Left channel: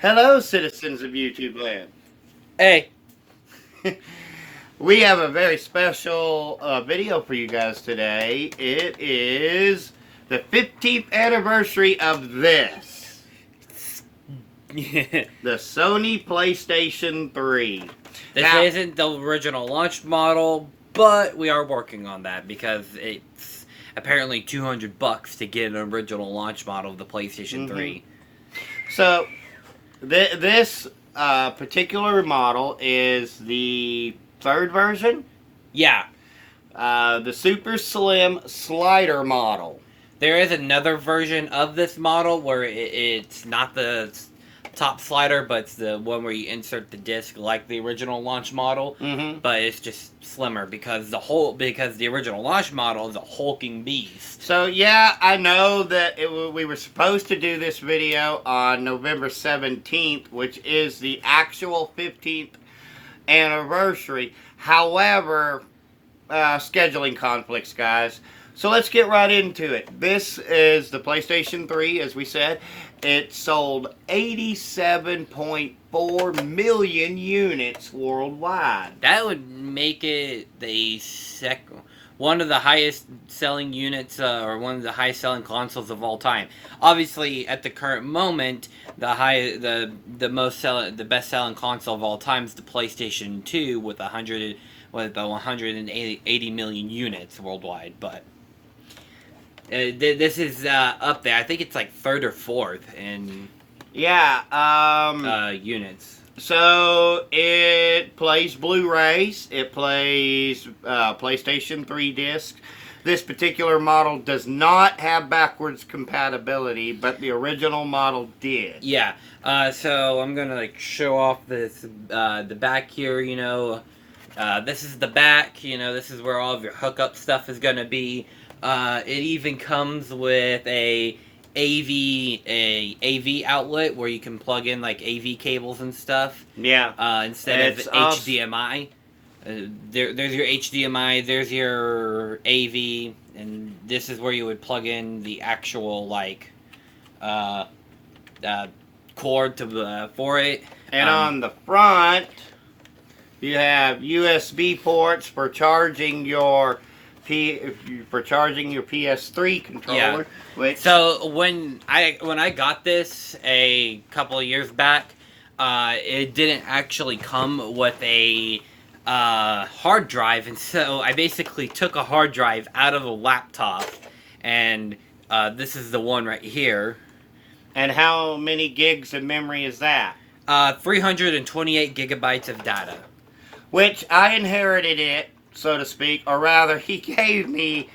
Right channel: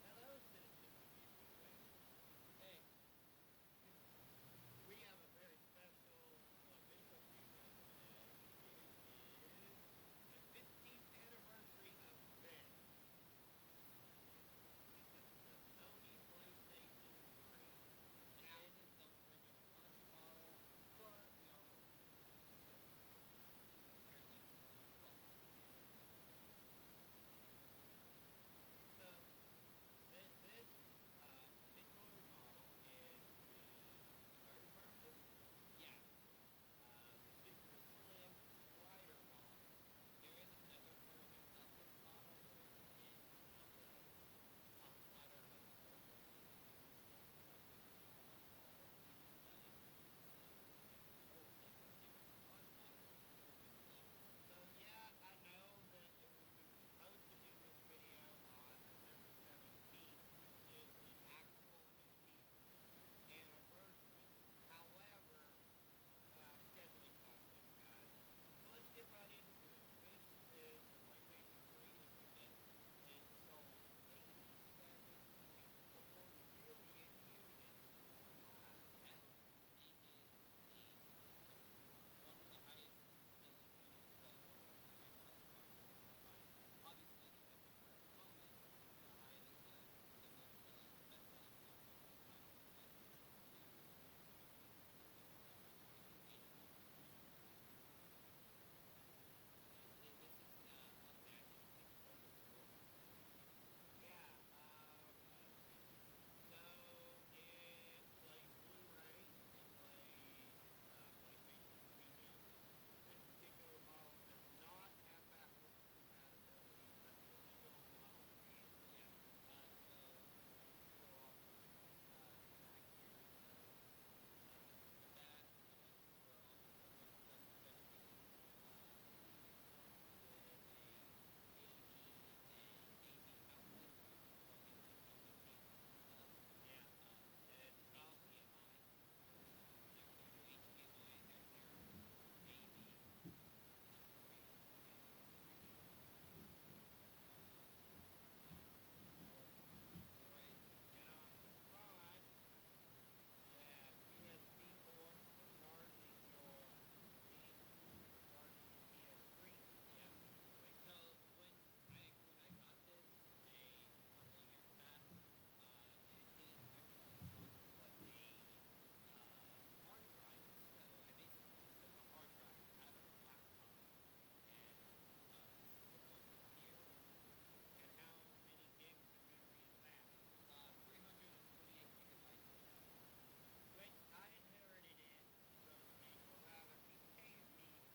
Hello, citizens of YouTube land. Hey, We have a very special video for you guys today. It is the 15th anniversary of this, this the Sony PlayStation 3. Now, isn't the original launch model, but we are working on that because it's apparently $200 to get an original launch model of the PlayStation 3. so this particular model is the third version, Yeah, the Super Slim Slider model. there is another version of this model where it's not the top slider, but it's the one where you insert the disc like the original launch model. Mm-hmm. But it's just slimmer because the original launch model is a hulking beast. So yeah, I know that we were supposed to do this video on November 17th, which is the actual 15th anniversary. However, scheduling conflicts, guys. So let's get right into it. This is the PlayStation 3, as we said. It sold 87.4 million units worldwide. That would make it one of the highest selling units, or one of the highest selling consoles of all time. Obviously, at the current moment, the best selling console of all time is the PlayStation 2 with 180 million units worldwide. But this is up there. I think it's like third or fourth in units. So it plays Blu-rays. It plays PlayStation 3 discs. This particular model does not have backwards compatibility, but the original model did. Yeah. So I'm gonna show off this the back here. This is the back. This is where all of your hookup stuff is gonna be. It even comes with a AV outlet where you can plug in like AV cables and stuff. Yeah. Instead of HDMI. There's your HDMI. There's your AV, and this is where you would plug in the actual cord for it. And on the front, you have USB ports for charging your PS3 controller. Yeah. So when I got this a couple of years back, it didn't actually come with a hard drive, and so I basically took a hard drive out of a laptop, and this is the one right here. And how many gigs of memory is that? 328 gigabytes of data. Which I inherited it, so to speak, or rather, he gave me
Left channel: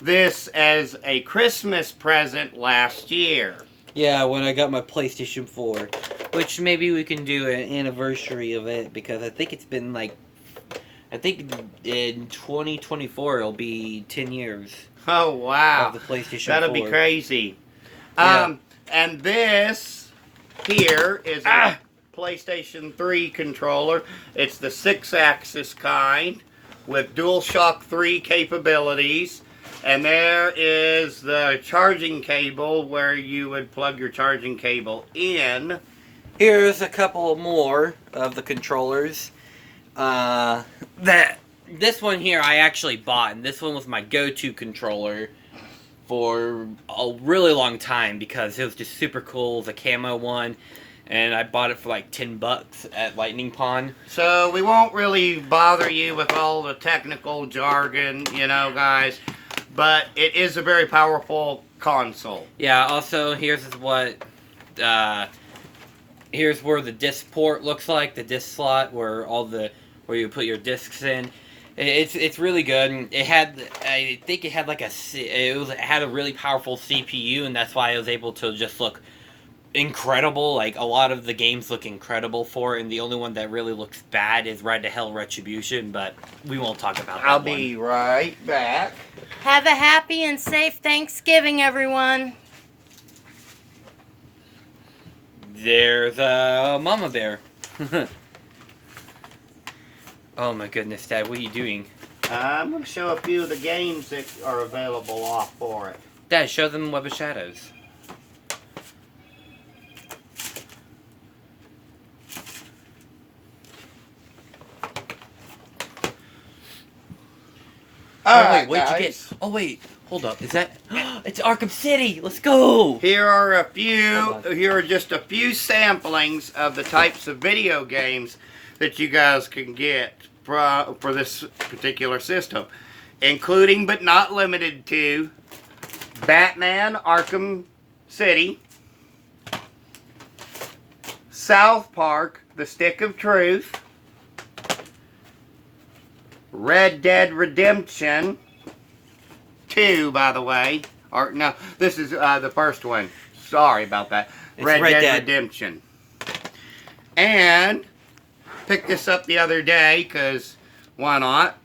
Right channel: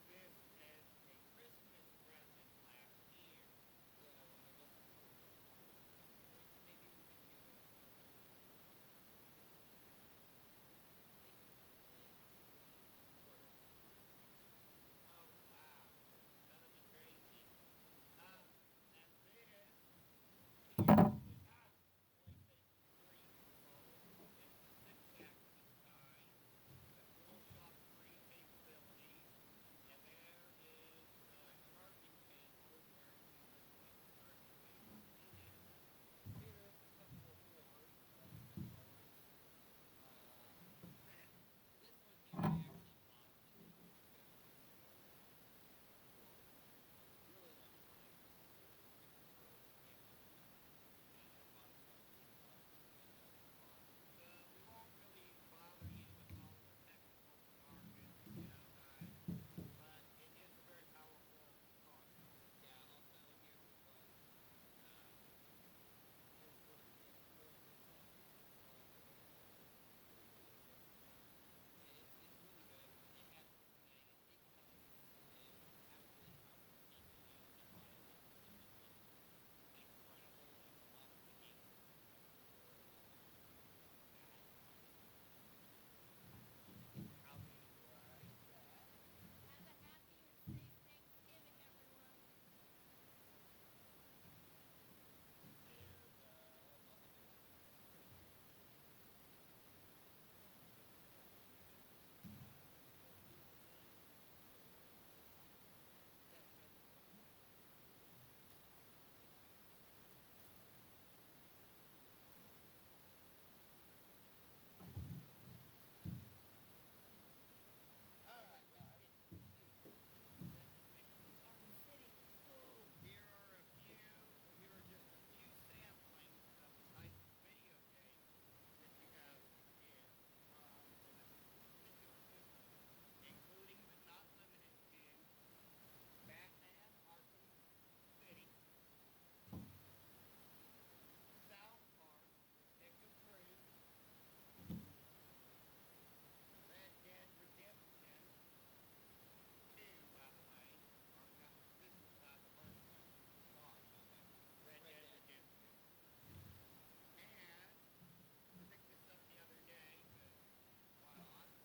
this as a Christmas present last year. Yeah, when I got my PlayStation 4, which maybe we can do an anniversary of it, because I think it's been in 2024 it'll be 10 years. Oh wow! Of the PlayStation 4. That'll be crazy. Yeah. And this here is a PlayStation 3 controller. It's the 6-axis kind with DualShock 3 capabilities. And there is the charging cable where you would plug your charging cable in. Here's a couple more of the controllers. This one here I actually bought, and this one was my go-to controller for a really long time because it was just super cool. It was a camo one, and I bought it for like $10 at Lightning Pond. So we won't really bother you with all the technical jargon, guys. But it is a very powerful console. Yeah, also here's where the disc port looks like, the disc slot where you put your discs in. It's really good. It had a really powerful CPU, and that's why I was able to just look incredible. Like, a lot of the games look incredible for it, and the only one that really looks bad is Ride to Hell Retribution, but we won't talk about that. I'll be right back. Have a happy and safe Thanksgiving, everyone. There's a mama bear. Oh my goodness, Dad, what are you doing? I'm going to show a few of the games that are available off for it. Dad, show them Web of Shadows. Oh, wait, right, what'd you get? guys. Oh, wait, hold up. Is that... It's Arkham City! Let's go! Here are Hold on. Here are just a few samplings of the types of video games that you guys can get for this particular system, including but not limited to Batman Arkham City, South Park: The Stick of Truth, Red Dead Redemption 2, by the way. Or no, this is the first one. Sorry about that. It's Red Red Dead Dead. Redemption. And picked this up the other day because why not?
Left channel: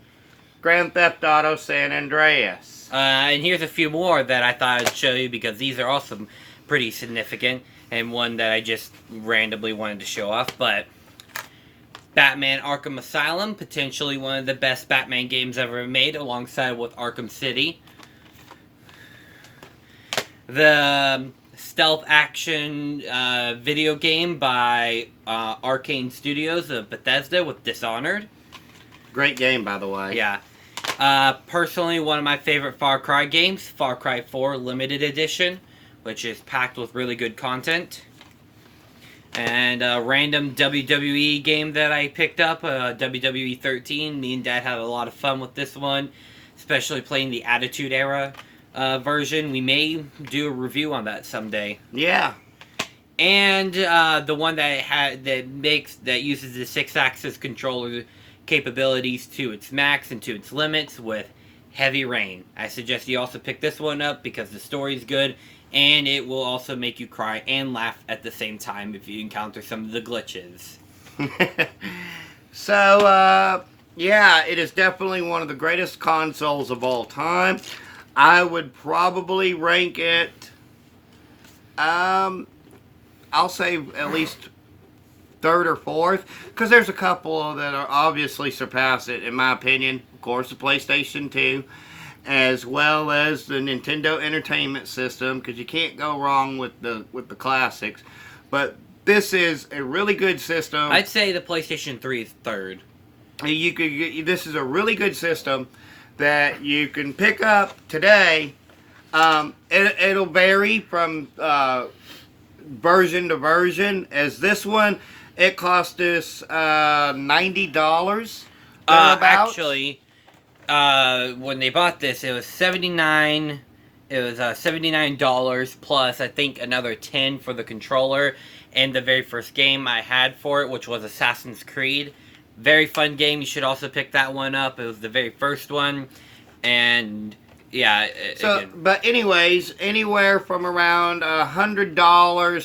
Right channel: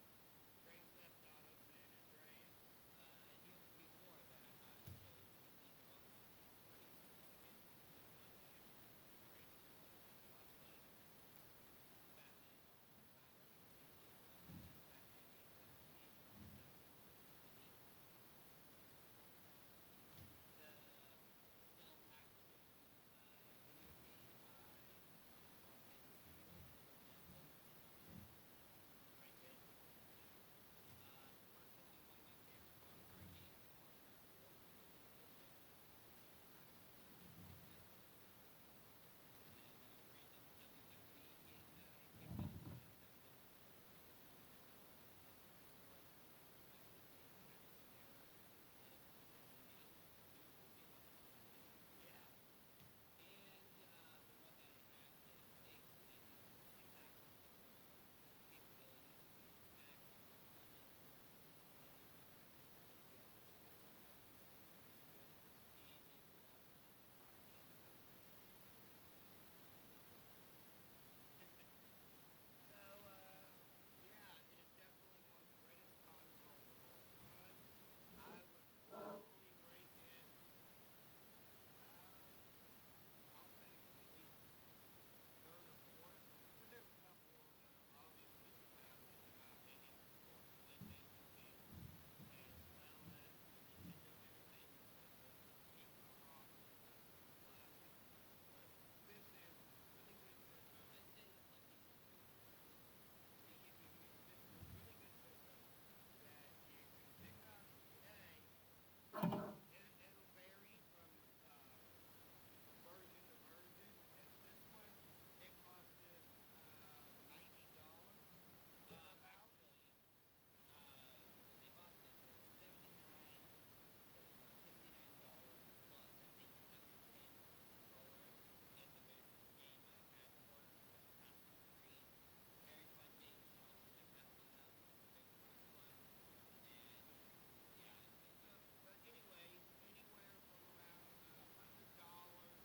Grand Theft Auto San Andreas. And here's a few more that I thought I'd show you because these are also pretty significant, and one that I just randomly wanted to show off. But Batman Arkham Asylum, potentially one of the best Batman games ever made, alongside with Arkham City. The stealth action video game by Arcane Studios of Bethesda with Dishonored. Great game, by the way. Yeah. Personally, one of my favorite Far Cry games, Far Cry 4 Limited Edition, which is packed with really good content. And a random WWE game that I picked up, WWE 13. Me and Dad had a lot of fun with this one, especially playing the Attitude Era version. We may do a review on that someday. Yeah. And the one that uses the 6-axis controller capabilities to its max and to its limits with Heavy Rain. I suggest you also pick this one up because the story's good, and it will also make you cry and laugh at the same time if you encounter some of the glitches. So, yeah, it is definitely one of the greatest consoles of all time. I would probably rank it, I'll say at least third or fourth, because there's a couple that are obviously surpass it, in my opinion. Of course, the PlayStation 2, as well as the Nintendo Entertainment System, because you can't go wrong with the classics. But this is a really good system. I'd say the PlayStation 3 is third. This is a really good system that you can pick up today. It'll vary from version to version. As this one, it cost us $90. Actually, when they bought this, it was $79. It was $79 plus I think another $10 for the controller and the very first game I had for it, which was Assassin's Creed. Very fun game. You should also pick that one up. It was the very first one, and yeah. But anyways, anywhere from around $100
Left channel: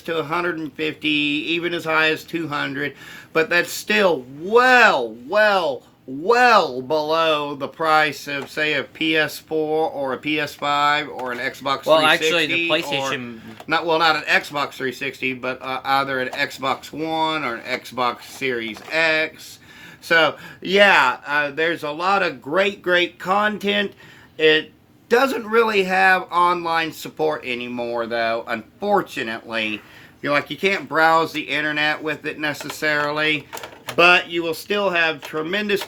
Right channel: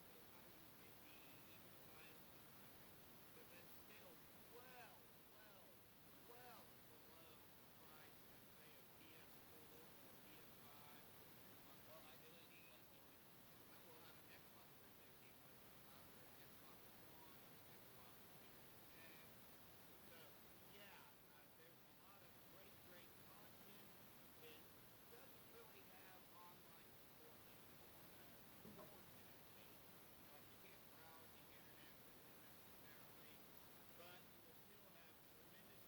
to $150, even as high as $200. But that's still well below the price of, say, a PS4 or a PS5 or an Xbox 360. Well, actually, the PlayStation... not an Xbox 360, but either an Xbox One or an Xbox Series X. So, yeah, there's a lot of great content. It doesn't really have online support anymore, though, unfortunately. You can't browse the internet with it necessarily, but you will still have tremendous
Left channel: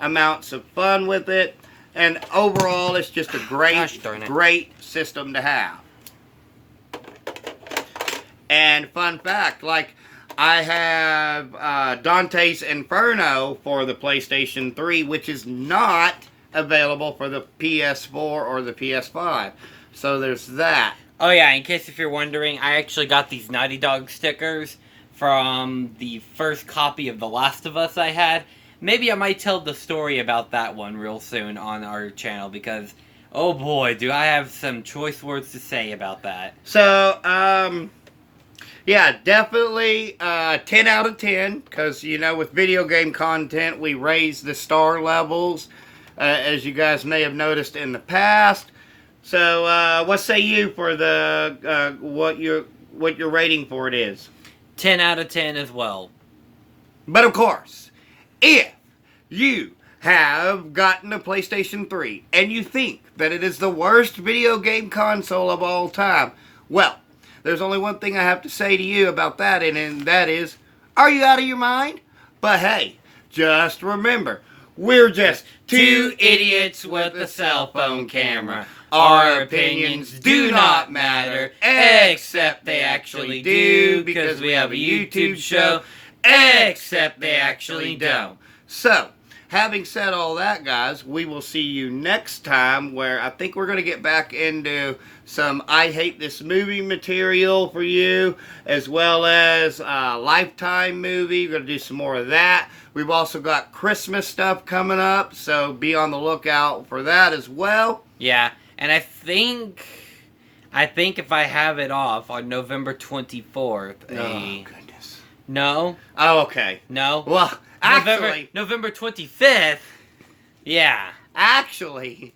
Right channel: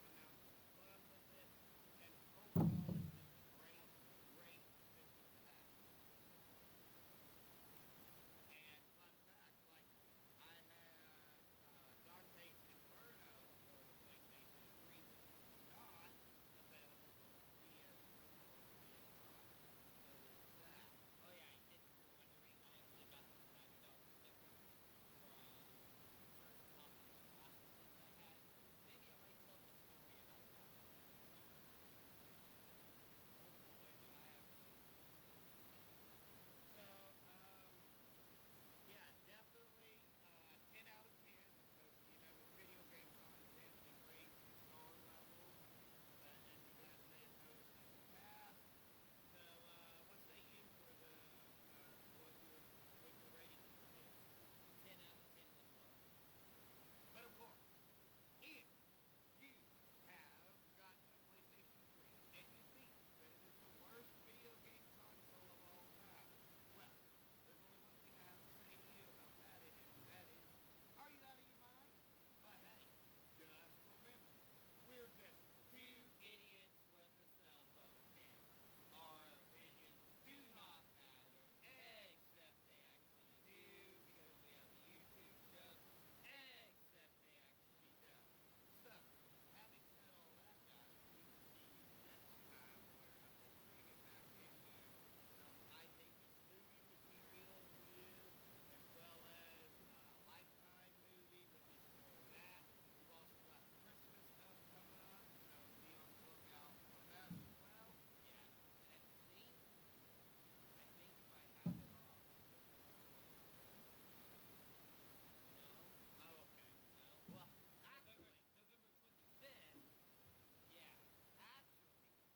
amounts of fun with it, and overall, it's just a great system to have. And fun fact, I have Dante's Inferno for the PlayStation 3, which is not available for the PS4 or the PS5. So there's that. Oh yeah, in case if you're wondering, I actually got these Naughty Dog stickers from the first copy of The Last of Us I had. Maybe I might tell the story about that one real soon on our channel because, oh boy, do I have some choice words to say about that. So, yeah, definitely 10 out of 10, because, with video game content, we raise the star levels, as you guys may have noticed in the past. So, what say you for the, what your rating for it is? 10 out of 10 as well. But of course, if you have gotten a PlayStation 3 and you think that it is the worst video game console of all time, well, there's only one thing I have to say to you about that, and that is, are you out of your mind? But hey, just remember, We're just Two idiots with a cell phone camera. Our opinions do not matter, except they actually do, because we have a YouTube show, except they actually don't. So, having said all that, guys, we will see you next time, where I think we're going to get back into some I Hate This Movie material for you, as well as a Lifetime movie. We're going to do some more of that. We've also got Christmas stuff coming up, so be on the lookout for that as well. Yeah, and I think if I have it off on November 24th, Oh, goodness. No? Oh, okay. No? Well, actually, November 25th? Yeah. Actually,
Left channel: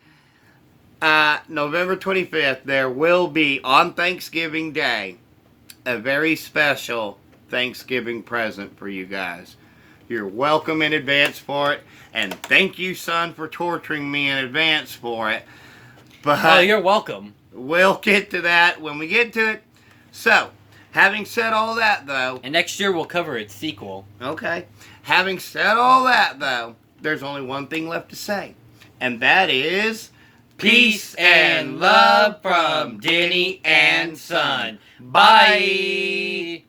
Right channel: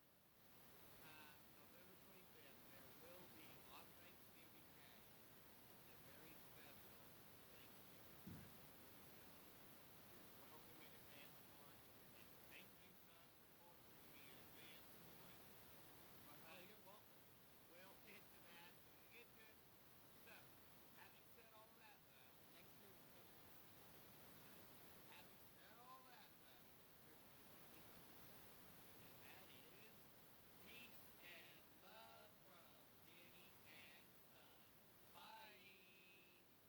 November 25th, there will be, on Thanksgiving Day, a very special Thanksgiving present for you guys. You're welcome in advance for it, and thank you, son, for torturing me in advance for it. But Oh, you're welcome. we'll get to that when we get to it. So, having said all that, though, And next year we'll cover its sequel. okay, having said all that, though, there's only one thing left to say, and that is... Peace and love from Denny and Son. Bye.